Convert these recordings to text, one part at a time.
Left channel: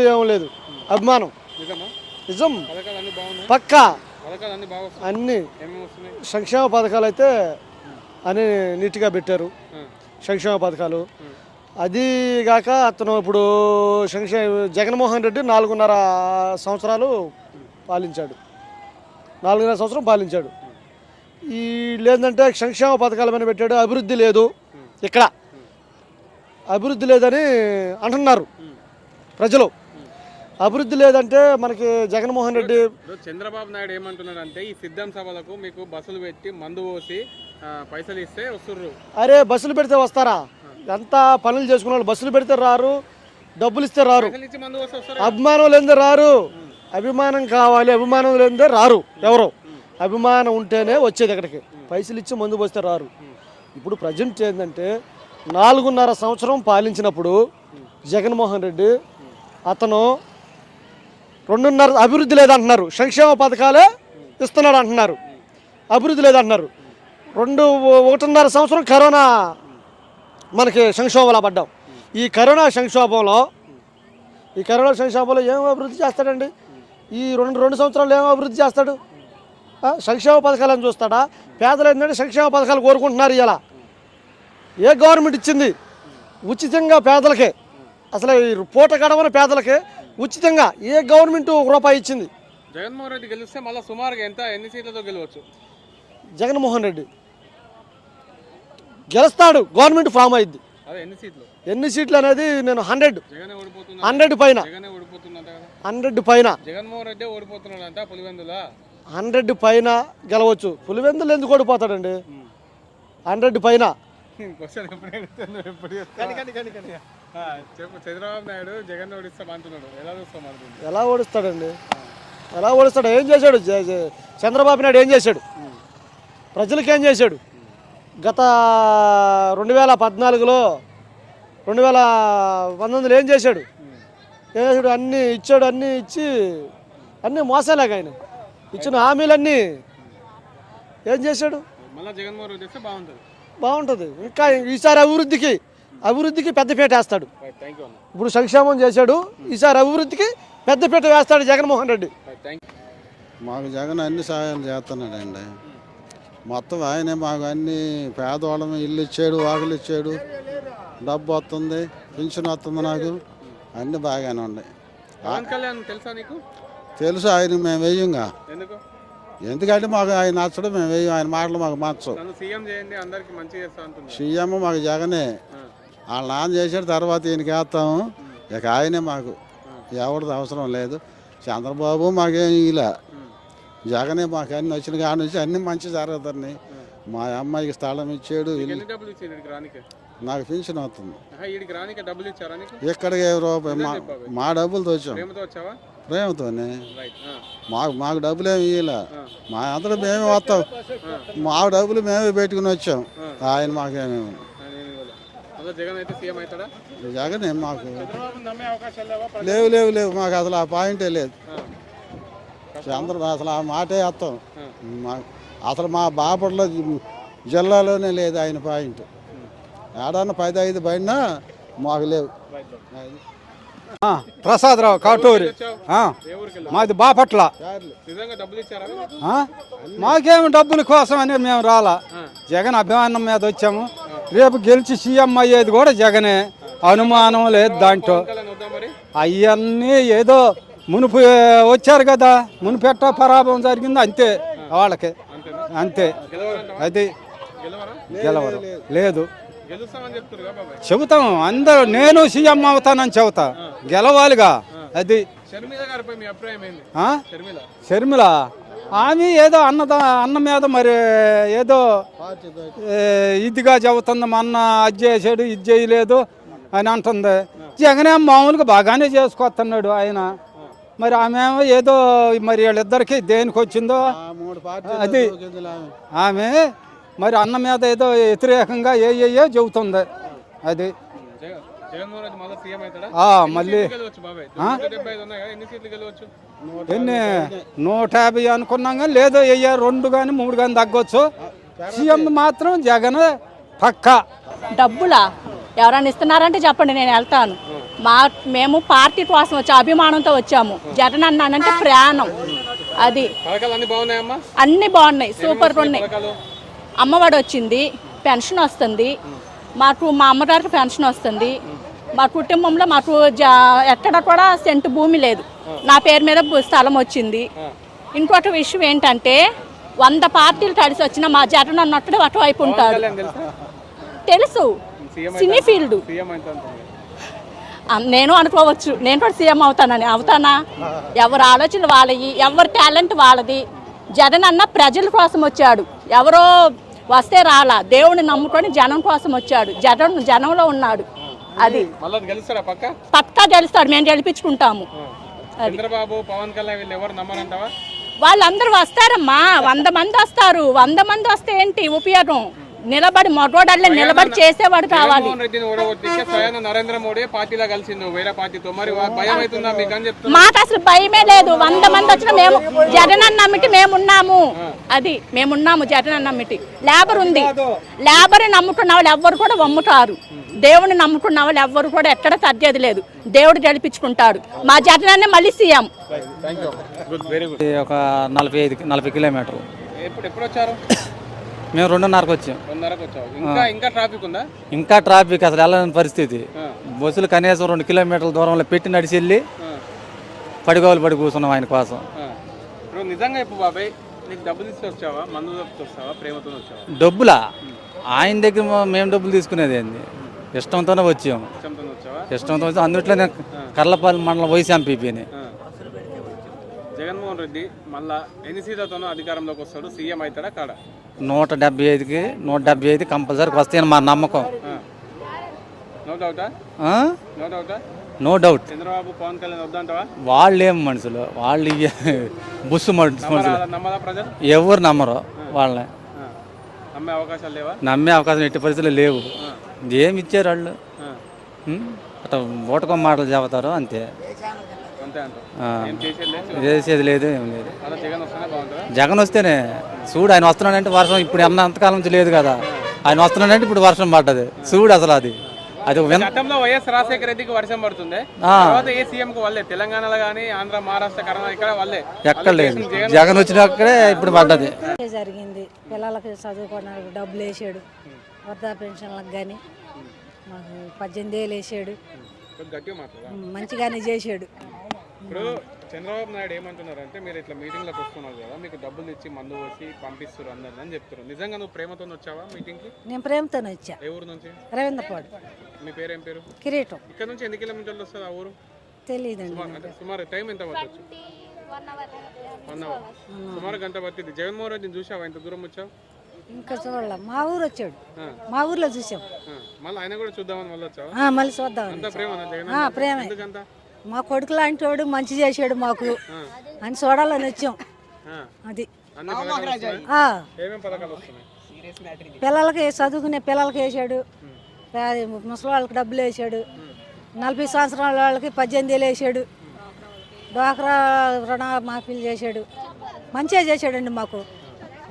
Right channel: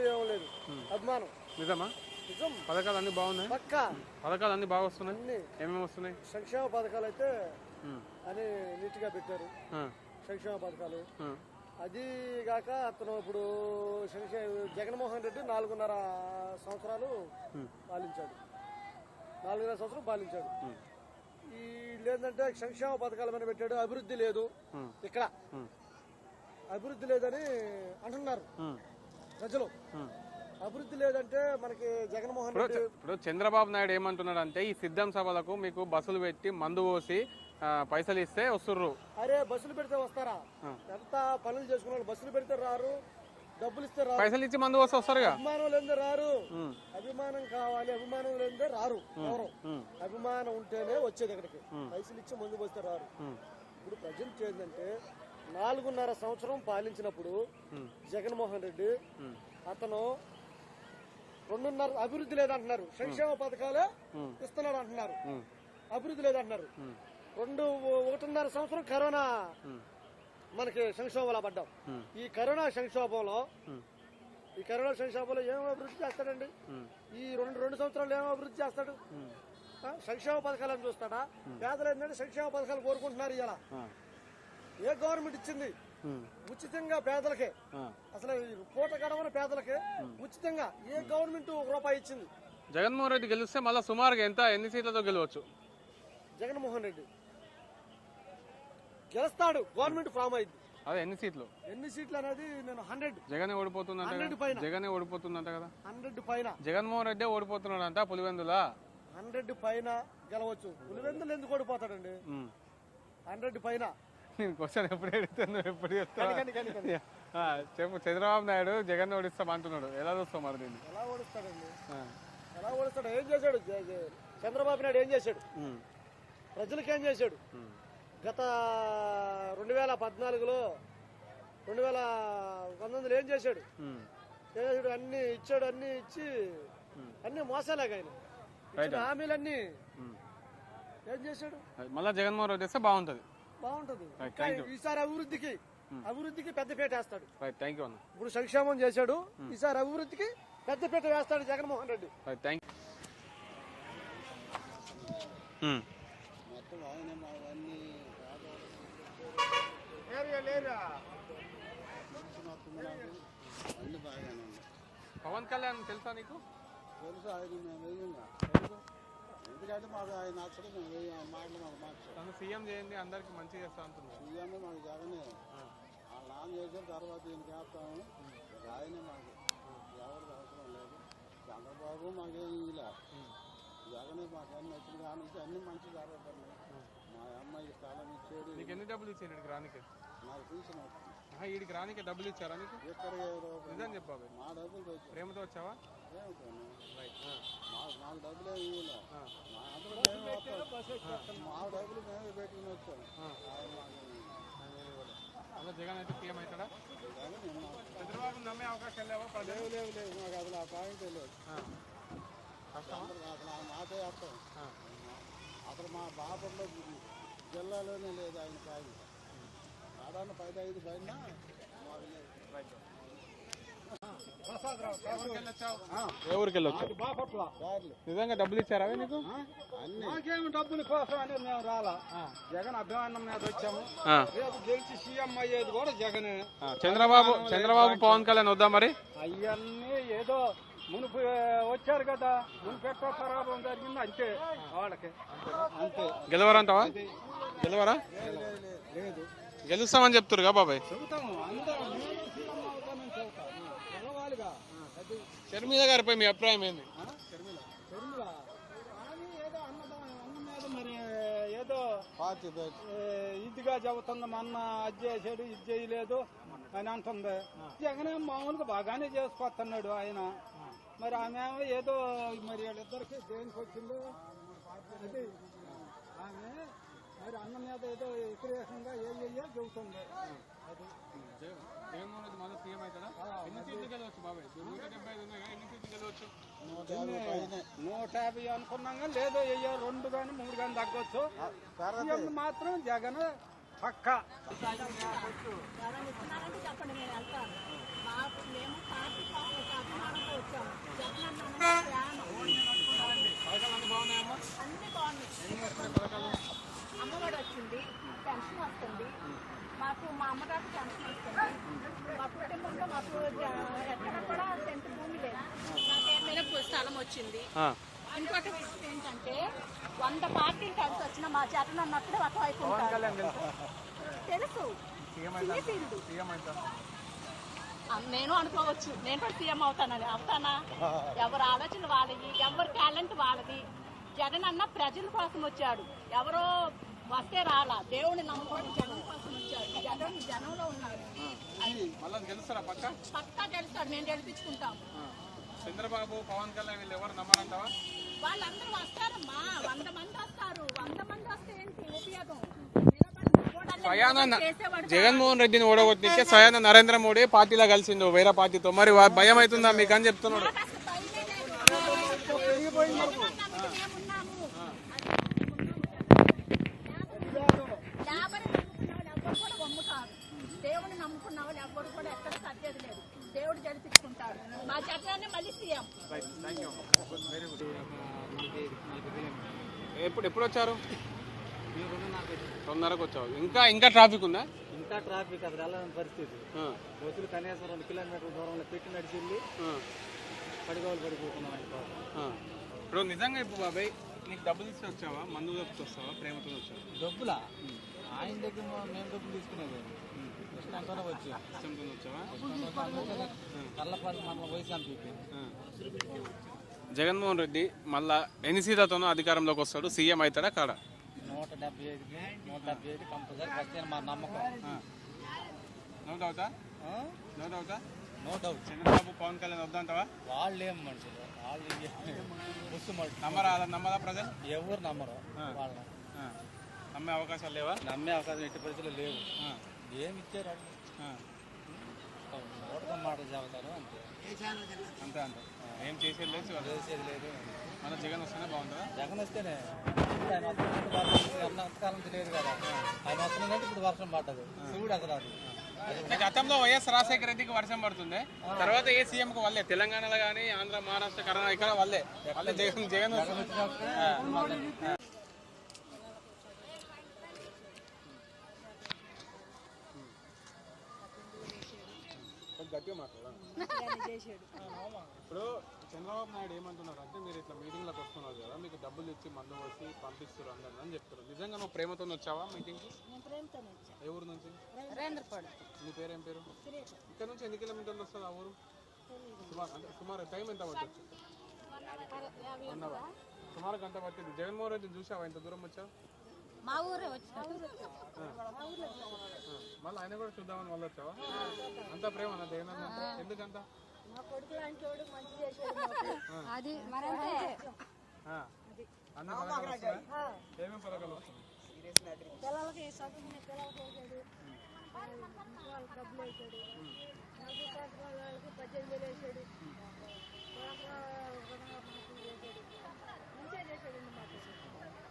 ఏం లేదు. అభిమానం. నిజం. పక్కా. అన్ని సంక్షేమ పథకాలు అయితే అన్ని నీట్గా పెట్టారు. సంక్షేమ పథకాలు. అది కాక అతను ఇప్పుడు సంక్షేమ జగన్మోహన్ రెడ్డి నాలుగున్నర సంవత్సరాలు పాలించాడు. నాలుగున్నర సంవత్సరం పాలించాడు. ఈ లేదంటే సంక్షేమ పథకాల మీద పెట్టాడు. అభివృద్ధి లేదు. ఇక్కడ. అభివృద్ధి లేదని అంటున్నారు ప్రజలు. అభివృద్ధి లేదంటే మనకి జగన్మోహన్ రెడ్డి చంద్రబాబు నాయుడు ఏమంటున్నాడు అంటే ఈ సిద్ధం సభలకు మీకు బస్సులు పెట్టి మందు పోసి పైసలు ఇస్తే వస్తుర్రు. అరే బస్సులు పెడితే వస్తారా? ఎంత పనులు చేసుకున్న వాళ్ళు బస్సులు పెడితే రారు డబ్బులు ఇస్తే రారు. అభిమానం లేదే రారు. అభిమానం కావాలి అభిమానం లేదే రారు ఎవరు? అభిమానం ఉంటేనే వచ్చేది ఇక్కడికి పైసలు ఇచ్చి మందు పోస్తే రారు. ఇప్పుడు ప్రజెంట్ ఏంటంటే నాలుగున్నర సంవత్సరం పాలించినప్పుడు జగన్మోహన్ రెడ్డి అతను రెండున్నర అభివృద్ధి లేదంటున్నారు. సంక్షేమ పథకాలే ఇస్తున్నాడు అంటున్నారు అభివృద్ధి లేదంటున్నారు. రెండు ఒకటిన్నర సంవత్సరం కరోనా మనకి సంక్షోభంలో పడ్డాం. ఈ కరోనా సంక్షోభంలో ఈ కరోనా సంక్షోభంలో ఏం అభివృద్ధి చేస్తాడండి? ఈ రెండు రెండు సంవత్సరాలు ఏం అభివృద్ధి చేస్తాడు? సంక్షేమ పథకాలను చూస్తాడా? పేదలు ఏంటంటే సంక్షేమ పథకాలు కోరుకుంటున్నారు ఇలా. ఏ గవర్నమెంట్ ఇచ్చింది? ఉచితంగా పేదలకే. అసలు ఈ పూట గడవని పేదలకే ఉచితంగా ఏ గవర్నమెంట్ ఒక రూపాయి ఇచ్చింది? జగన్మోహన్ రెడ్డి గెలిస్తే మళ్ళీ సుమారుగా ఎంత? ఎన్ని సీట్లతో గెలవచ్చు? జగన్మోహన్ రెడ్డి. గెలుస్తాడు గవర్నమెంట్ ఫామ్ అయింది ఎన్ని సీట్లు? అనేది నేను హండ్రెడ్. హండ్రెడ్ పైన. హండ్రెడ్ పైన. జగన్మోహన్ రెడ్డి ఓడిపోతున్నాడంట పులివెందుల? హండ్రెడ్ పైన గెలవచ్చు. పులివెందులు ఎందుకు ఓడిపోతాడండి? హండ్రెడ్ పైన. క్వశ్చన్ ఎప్పుడు? ఆ, చెప్పు చంద్రబాబు నాయుడు జగన్ ఓడిస్తాం అంటున్నాడు. ఎలా చూస్తాం? ఎలా ఓడిస్తాడండి? ఎలా ఓడిస్తాడు? ఏం చేశాడు? చంద్రబాబు నాయుడు ఏం చేశాడు? ప్రజలకు ఏం చేశాడు? గత రెండు వేల పద్నాలుగులో రెండు వేల పంతొమ్మిదిలో ఏం చేశాడు? ఏం చేశాడు? అన్నీ ఇచ్చాడు అన్నీ ఇచ్చి అన్నీ మోసాలేక ఆయన. ఇచ్చిన హామీలన్నీ ఏం చేశాడు? మళ్ళా జగన్మోహన్ రెడ్డి వస్తే బాగుంటుంది. బాగుంటుంది. ఇంకా ఈసారి అభివృద్ధికి అభివృద్ధికి పెద్దపీట వేస్తాడు. ఇప్పుడు సంక్షేమం చేశాడు. ఈసారి అభివృద్ధికి పెద్దపీట వేస్తాడు జగన్మోహన్ రెడ్డి. మాకు జగన్ అన్ని సహాయాలు చేస్తున్నాడండి. మొత్తం ఆయనే మాకు అన్ని పేదవాళ్ళం ఇల్లు ఇచ్చాడు వాకిలు ఇచ్చాడు డబ్బు వస్తుంది పింఛన్ వస్తుంది నాకు. అన్నీ బాగానే ఉన్నాయి. తెలుసా నీకు? తెలుసు ఆయన మేము వేయంగా. ఎందుకు? ఎందుకంటే మాకు ఆయన నచ్చడం మేము వేయం ఆయన మాటలు మాకు నచ్చవు. సీఎం చేయండి అందరికి మంచి చేస్తా అంటుంది సీఎం మాకు జగనే. వాళ్ళ నాన్న చేసాడు తర్వాత ఈయనకి వేస్తాము ఇక ఆయనే మాకు. ఎవరిది అవసరం లేదు. చంద్రబాబు మాకేం ఇలా జగనే మాకు అన్ని వచ్చిన కాడ నుంచి అన్ని మంచి జరుగుతున్నాయి. మా అమ్మాయికి స్థలం ఇచ్చాడు. నీకు డబ్బులు ఇచ్చింది ఇక్కడికి డబ్బులు రూపాయి? మా ప్రేమతో వచ్చావా? ప్రేమతోనే రైట్ మాకు మాకు డబ్బులు ఏమి ఇవ్వలే మా అందరూ మేమే వస్తాం. మా డబ్బులు మేమే పెట్టుకుని వచ్చాం. ఆయన మాకేమేమి జగన్ జగనే మాకు లేవా? లేవు లేవు లేవు. మాకు అసలు ఆ పాయింటే లేదు. ఆ. చంద్ర అసలు ఆ మాటే వేస్తాం మా అసలు మా బాపట్ల జిల్లాలోనే లేదు ఆయన పాయింట్. ఏడన్నా పది ఐదు పడినా మాకు లేవు. ప్రసాదరావు కాటూరి? మాది బాపట్ల? మాకేమి డబ్బుల కోసం అని మేము రాలా. జగన్ అభిమానం మీద వచ్చాము. రేపు గెలిచి సీఎం అయ్యేది కూడా జగనే. అనుమానం లేదు దాంట్లో. అవన్నీ ఏదో మునుపు వచ్చారు కదా. మునుపెట్ట పరాభవం జరిగింది అంతే. వాళ్ళకి. అంతే. అది గెలవరా? లేదు. గెలుస్తామని చెప్తురుగా బాబాయ్. చెబుతాం. అందరూ నేను సీఎం అవుతానని చెబుతా. గెలవాలిగా. అది షర్మిల గారిపై మీ అభిప్రాయం ఏంది? ఆ? షర్మిల. షర్మిల? ఆమె ఏదో అన్నదా అన్న మీద మరి ఏదో ఇదిగా చెబుతుంది మా అన్న అది చేసాడు ఇది చేయలేదు అని అంటుంది. జగనే మామూలుగా బాగానే చేసుకొస్తున్నాడు ఆయన. మరి ఆమె ఏదో మరి వీళ్ళిద్దరికి దేనికి వచ్చిందో? ఆ మూడు పార్టీ అది ఆమె మరి అన్న మీద ఏదో వ్యతిరేకంగా ఏ ఏ చెబుతుంది. అది మళ్ళీ నూట ఎన్ని యాభై అనుకున్నాం కానీ లేదో వెయ్యి రెండు కానీ మూడు కానీ తగ్గొచ్చు. సీఎం మాత్రం జగన్ పక్కా. డబ్బులా? ఎవరైనా ఇస్తున్నారంటే చెప్పండి నేను వెళ్తాను. మా మేము పార్టీ కోసం వచ్చాము అభిమానంతో వచ్చాము. జగన్ అన్నానంటే ప్రాణం. అది. అన్ని బాగున్నాయి సూపర్గా ఉన్నాయి. అమ్మఒడి వచ్చింది పెన్షన్ వస్తుంది మాకు మా అమ్మగారికి పెన్షన్ వస్తుంది. మా కుటుంబంలో మాకు జా ఎక్కడ కూడా సెంటు భూమి లేదు. నా పేరు మీద స్థలం వచ్చింది. ఇంకొక విషయం ఏంటంటే వంద పార్టీలు కలిసి వచ్చిన మా జగన్ అన్నట్టు అటువైపు ఉంటాడు. తెలుసా? Cine field. నేను అనుకోవచ్చు. నేను కూడా సీఎం అవుతానని. అవుతానా? ఎవరి ఆలోచన వాళ్ళవి. ఎవరి టాలెంట్ వాళ్ళది. జగన్ అన్న ప్రజల కోసం వచ్చాడు. ఎవరో వస్తే రాలా. దేవుని నమ్ముకొని జనం కోసం వచ్చాడు. జనం జనంలో ఉన్నాడు. అది. పక్కా? గెలుస్తాడు. మేము గెలిపించుకుంటాము. చంద్రబాబు పవన్ కళ్యాణ్ వీళ్ళు ఎవరు నమ్మరంటావా వాళ్ళందరూ వస్తారమ్మా. వంద మంది వస్తారు. వంద మంది వస్తే ఏంటి ఉపయోగం? నిలబడి మగోడల్లే నిలబడి చేసేవాడు కావాలి. జగన్మోహన్ రెడ్డిని ఓడగొట్టిస్తే స్వయం నరేంద్ర మోడీ పార్టీలో కలిసిండు. వేరే పార్టీతో మరి వా- భయం అవుతుందా? మీకు అని చెప్తున్నా మాకు అసలు భయమే లేదు. వంద మంది వచ్చినా మేము జగన్ నమ్మిటి మేమున్నాము అది మేమున్నాము జగన్ నమ్మిటి లేబర్ ఉంది. లేబర్ నమ్ముకున్న వాళ్ళు ఎవ్వరు కూడా వమ్ముతారు. దేవుని నమ్ముకున్న వాళ్ళు ఎవ్వరు కూడా ఎక్కడ తగ్గేది లేదు. దేవుడు గెలిపించుకుంటాడు. మా జగన్ అన్నే మళ్ళీ CM. Thank you good very good ఒక నలభై ఐదు నలభై కిలోమీటర్ ఎప్పుడు ఎప్పుడు వచ్చారు మేము రెండున్నరకు వచ్చాం. రెండున్నరకు వచ్చావు. ఇంకా ఇంకా ట్రాఫిక్ ఉందా? ఇంకా ట్రాఫిక్ అసలు వెళ్ళని పరిస్థితి. బస్సులు కనీసం రెండు కిలోమీటర్ల దూరంలో పెట్టి నడిచి వెళ్ళి పడిగోలు పడి కూర్చున్నాం ఆయన కోసం. నిజంగా ఇప్పుడు బాబాయ్ నీకు డబ్బులు ఇస్తే వచ్చావా? మందు తప్పితే వస్తావా? ప్రేమతో వచ్చావా? డబ్బులా? ఆయన దగ్గర మేము డబ్బులు తీసుకునేది ఏంది? ఇష్టంతోనే వచ్చాము. ఇష్టంతో వచ్చి అందుట్లో నేను కర్లపల్లి మండలం వైస్ ఎంపీపీని. జగన్మోహన్ రెడ్డి మళ్ళా ఎన్ని సీట్లతోనో అధికారంలోకి వస్తాడు సీఎం అవుతాడా కాడా? నూట డెబ్బై ఐదుకి నూట డెబ్బై ఐదు కంపల్సరీ వస్తాయని మా నమ్మకం. నో డౌటా ఆ? నో డౌటా నో డౌట్ చంద్రబాబు పవన్ కళ్యాణ్ వద్దంటావా? వాళ్ళు ఏం మనుషులు? వాళ్ళు బుస్సు మనుషులు. ఎవరు నమ్మరు? వాళ్ళని. నమ్మే అవకాశాలు లేవా? నమ్మే అవకాశం ఎట్టి పరిస్థితులు లేవు. ఏమి ఇచ్చారు వాళ్ళు? అట్లా ఓటకం మాటలు చెబుతారు అంతే. చేసేది లేదు? ఏం లేదు. జగన్ వస్తేనే బాగుంటుందా? జగన్ వస్తేనే. చూడు ఆయన వస్తున్నాడంటే వర్షం ఇప్పుడు అన్న అంతకాలం నుంచి లేదు కదా. ఆయన వస్తున్నాడంటే ఇప్పుడు వర్షం పడ్డది. చూడు అసలు అది. అది గతంలో వైఎస్ రాజశేఖర రెడ్డికి వర్షం పడుతుంది. తర్వాత ఏ సీఎం కు వల్లే తెలంగాణలో కానీ ఆంధ్ర మహారాష్ట్ర కర్ణాటక ఇక్కడ వల్లే? ఎక్కడ లేదు జగన్ వచ్చినక్కడే ఇప్పుడు పడ్డది. జరిగింది. పిల్లలకి చదువుకోవడానికి డబ్బులు వేసాడు. వృద్ధా పెన్షన్లకు కానీ మాకు పద్దెనిమిది వేలు వేసాడు. మంచిగానే చేసాడు. ఇప్పుడు చంద్రబాబు నాయుడు ఏమంటున్నారు అంటే మీరు ఇట్లా మీటింగ్లకు వస్తున్నారు కదా మీకు డబ్బులు ఇచ్చి మందు వచ్చి పంపిస్తారు అందరిని అని చెప్తారు నిజంగా నువ్వు ప్రేమతో వచ్చావా మీటింగ్కి నేను ప్రేమతో వచ్చా. ఏ ఊరు నుంచి? రవీంద్రపాడు. మీ పేరు ఏం పేరు? కిరీటం. ఇక్కడ నుంచి ఎన్ని కిలోమీటర్లు వస్తుంది ఆ ఊరు? తెలియదండి సుమారు టైం ఎంత పట్టచ్చు? సుమారు గంట పట్టింది జగన్మోహన్ రెడ్డిని చూసావా? ఇంత దూరం వచ్చావు? ఇంకా చూడాల. మా ఊరు వచ్చాడు. మా ఊర్లో చూసాం. మళ్ళీ ఆయన కూడా చూద్దామని మళ్ళీ వచ్చావా? మళ్ళీ చూద్దాం ప్రేమ. ప్రేమే. మా కొడుకు లాంటి వాడు మంచి చేసాడు మాకు. అని చూడాలని వచ్చాం. అది. ఆ, పిల్లలకి చదువుకునే పిల్లలకి వేసాడు ముసలి వాళ్ళకి డబ్బులు వేసాడు నలభై సంవత్సరాల వాళ్ళకి పద్దెనిమిది వేలు వేసాడు డ్వాక్రా రుణ మాఫీలు చేశాడు. మంచిగా చేశాడండి మాకు.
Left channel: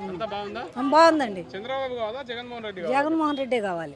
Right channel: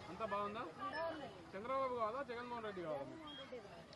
అంతా బాగుందా? బాగుందండి. చంద్రబాబు కావాలా? జగన్మోహన్ రెడ్డి కావాలా? జగన్మోహన్ రెడ్డి కావాలి.